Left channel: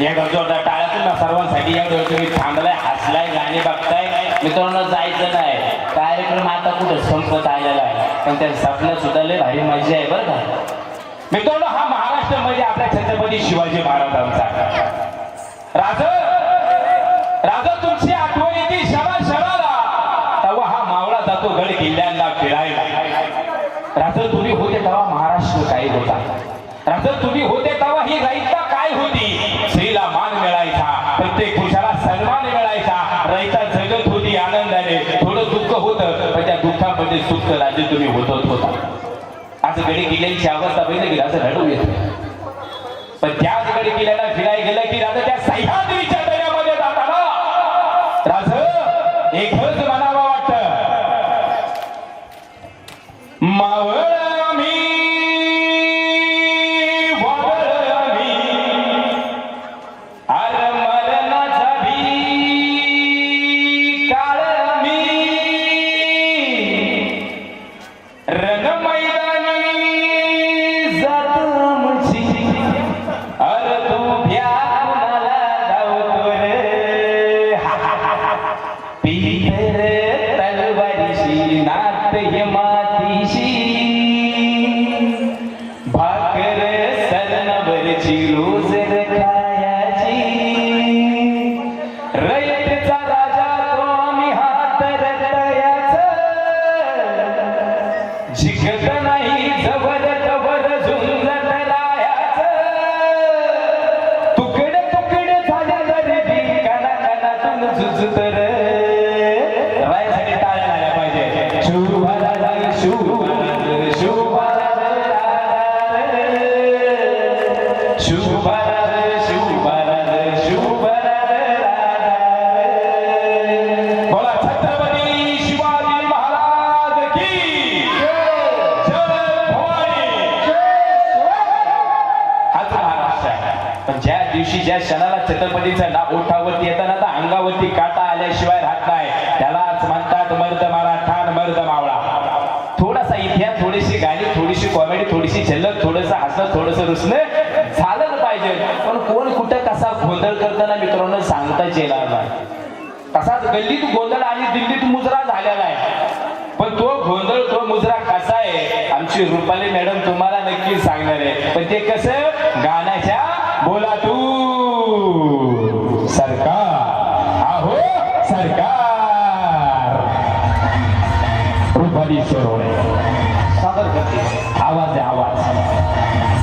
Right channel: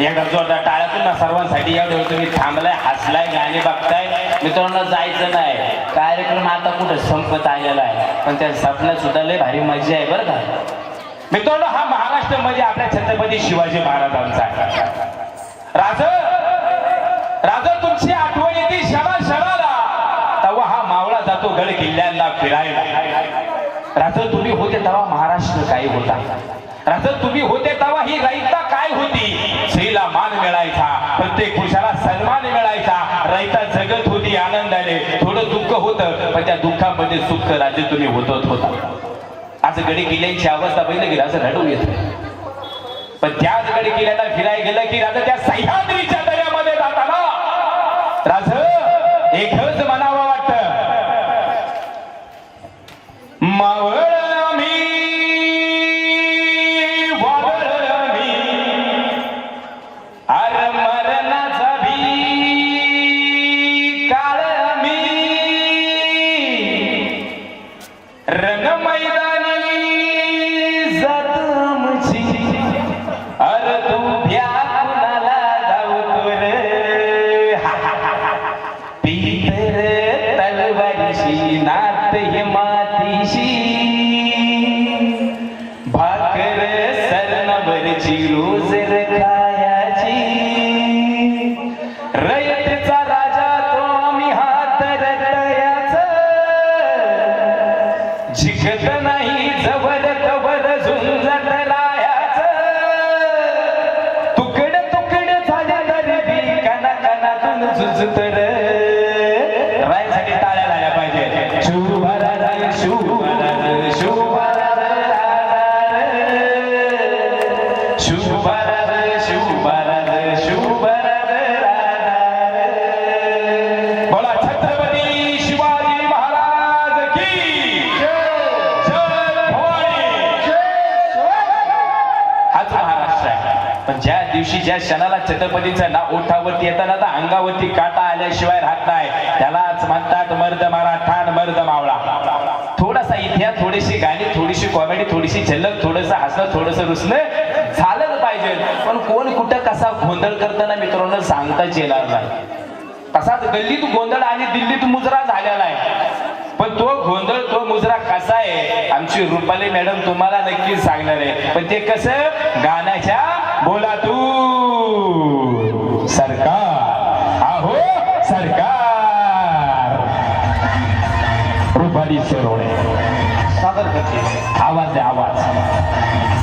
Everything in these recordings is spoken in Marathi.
एकदा जोरदार टाळ्यातून ना सर्वांसाठी या तुम्ही थांबलाय हसलाय गाणी बघताय. मित्रांनो जायचं नाही. कार्यक्रम आता कुठे संपत आलेला आहे? पण त्या सपन्यात सुद्धा लय भारी मजा आहे बरं का? मित्रांनो हा महाराष्ट्र म्हणजे आपल्या छत्रपती शिवाजी महाराजांचा. राज राज तुमची आठवण येते शरा शराला तेव्हा हा मावळा जातो गड किल्ल्यांना फिरायला. राज तुम्ही होते तेव्हा महाराष्ट्र काही होता. राज तुम्ही होते तेव्हा ही गायिका काय होती? रात्री तुम्ही होतच होता. असं गडी किल्ल्यांची अवस्था बघितली की असं रडून येत. पण त्याच गडी किल्ल्याला फिरायला गेलं की राजा त्या सह्या ময়দান क्षणाला छत्रपतीचं नाव ओठावरती येताना तर अंगावरती काटा आल्याशिवाय राहत नाही. त्यालाच म्हणतात मर्द मारा ठाण मर्द मावळा. थोडासा इतिहास थोडीशी गाणी थोडीशी कॉमेडी थोडीशी झलक थोडस हसणं थोडस रुसणं झालं पाहिजे. पण कोण कुठं कसा गोंधळ करताना मित्रांनो सांगताच येणार नाही. तसाच गल्लीत गोंधळ आणि दिल्लीत मुजरा झालेला आहे. पण तो गोंधळ तो मुजरा कसा आहे आमची रुपाली मॅडम तुम्हाला नक्की सांगणार आहे. पण ते कसं? गाण्याच्या बोलातून. सरकार. आहो सरकार. रुपाली शिरोळे आवाज आहे आवाज.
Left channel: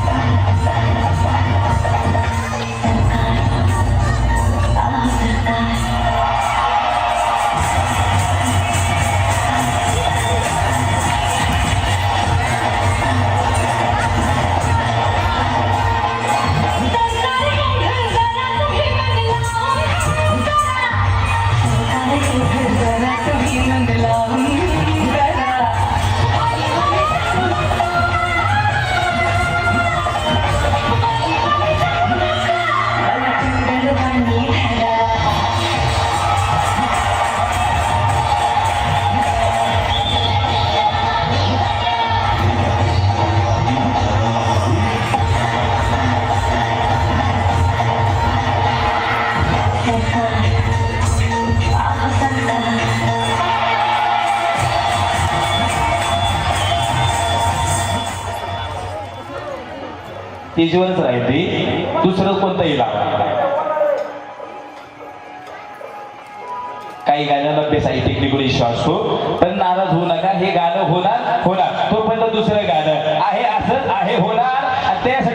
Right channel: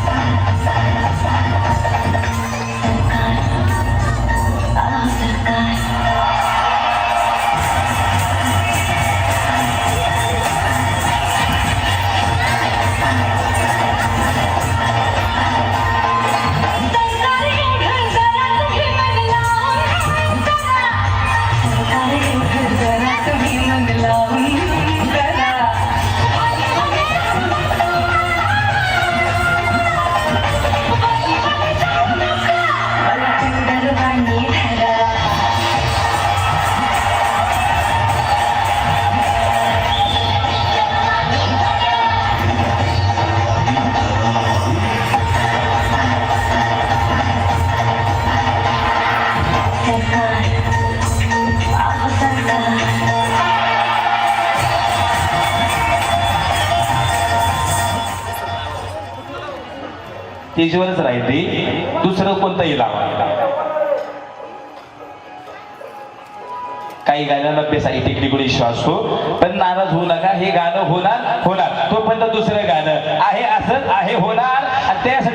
पेजवरच राहिली दुसरं कोणतंही लावा काही गाण्यांना ते साहित्यिक विश्वास असतो हो, पण नाराज होऊ नका हे गाणं होणार होणार. तोपर्यंत दुसरं गाणं आहे असं आहे होणार. त्यासाठी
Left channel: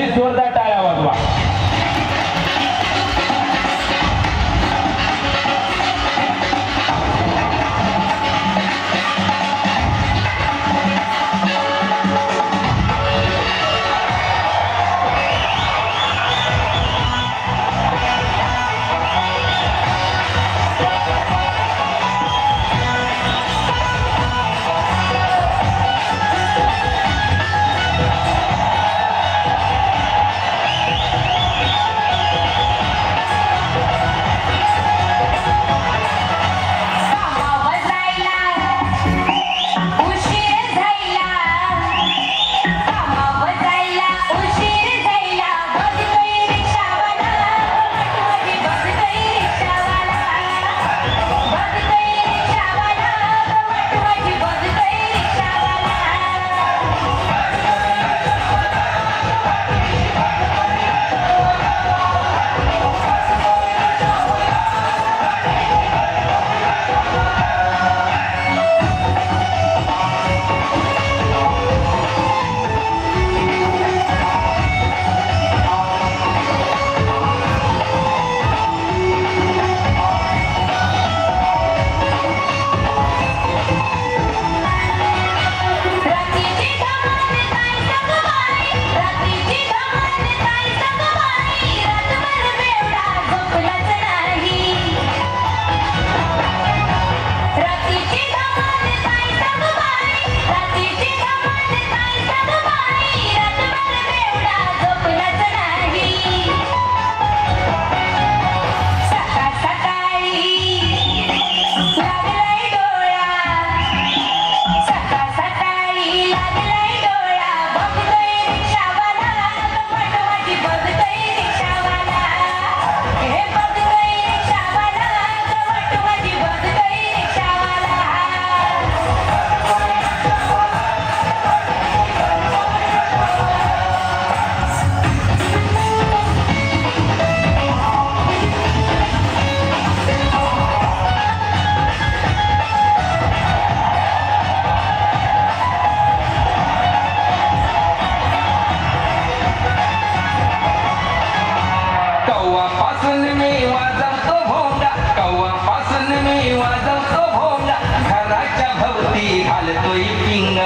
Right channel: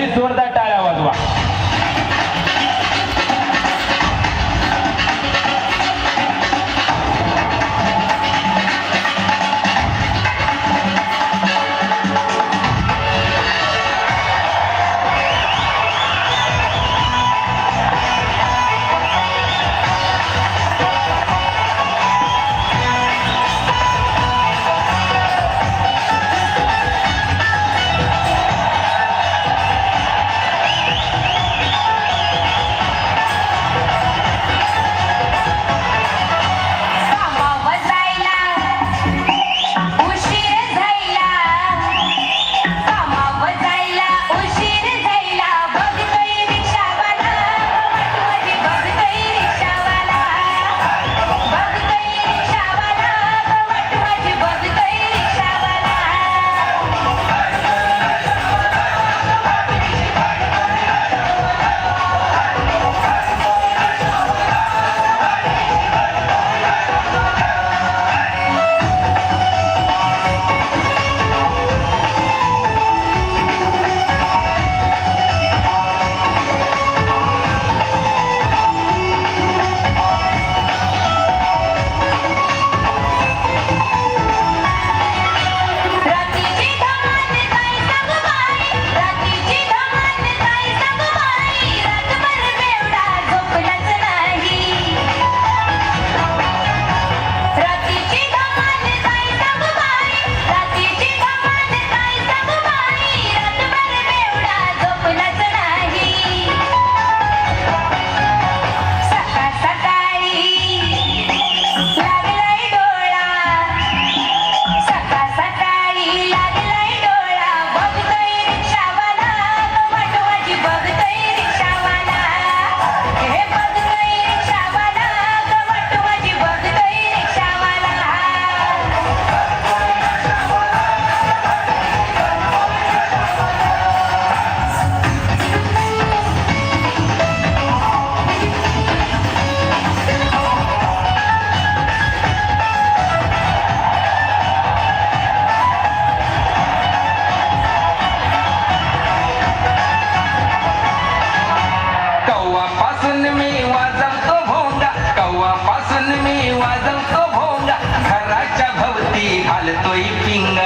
देवाच्या भवती घालतोय पिंग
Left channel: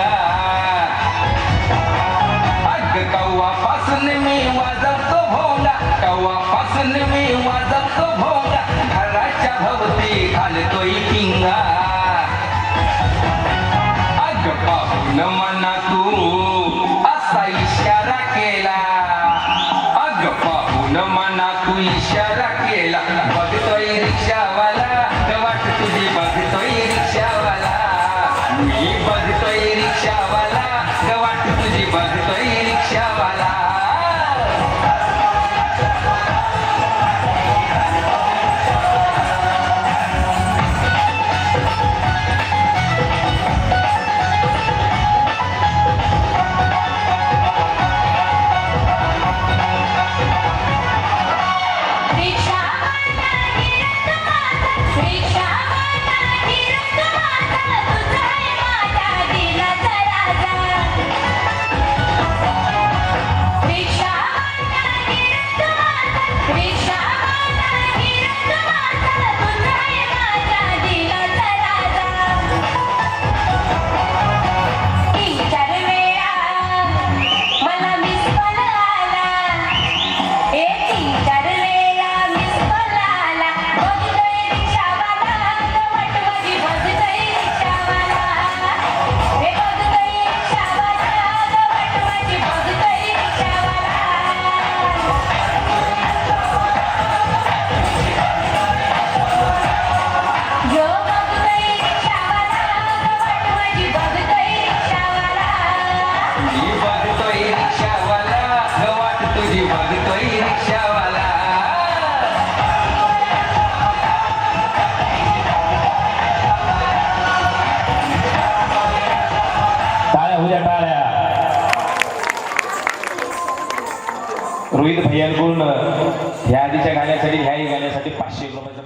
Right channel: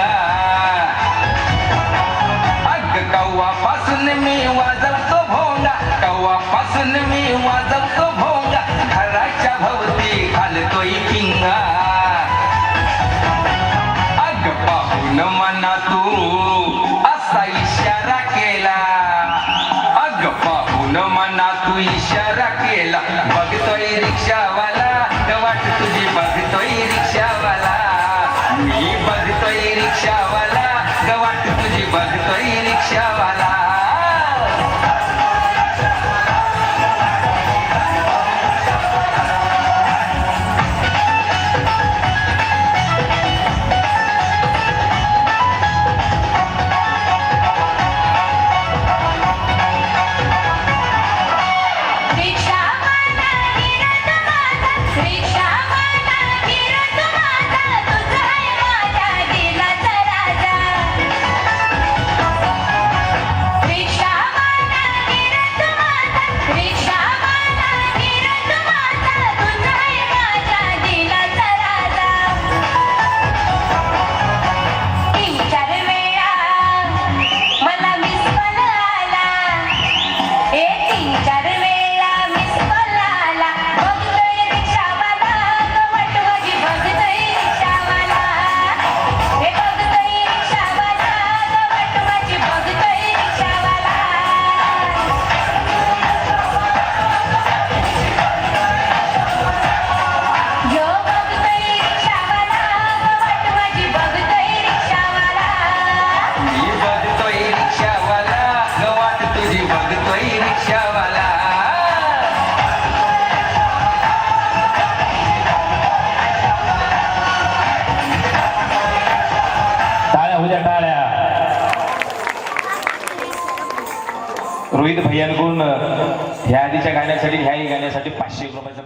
अग कव्वा पासून मी वाजवतो भोंगा. कव्वा पासून मी वाजवतो भोंगा. घराच्या भवती घालतोय पिंग अग पाहून मन भैयांकडून ह्या आधीच्या गाण्यासाठी ह्याही गाण्यासाठी पाचशे रुपयाचं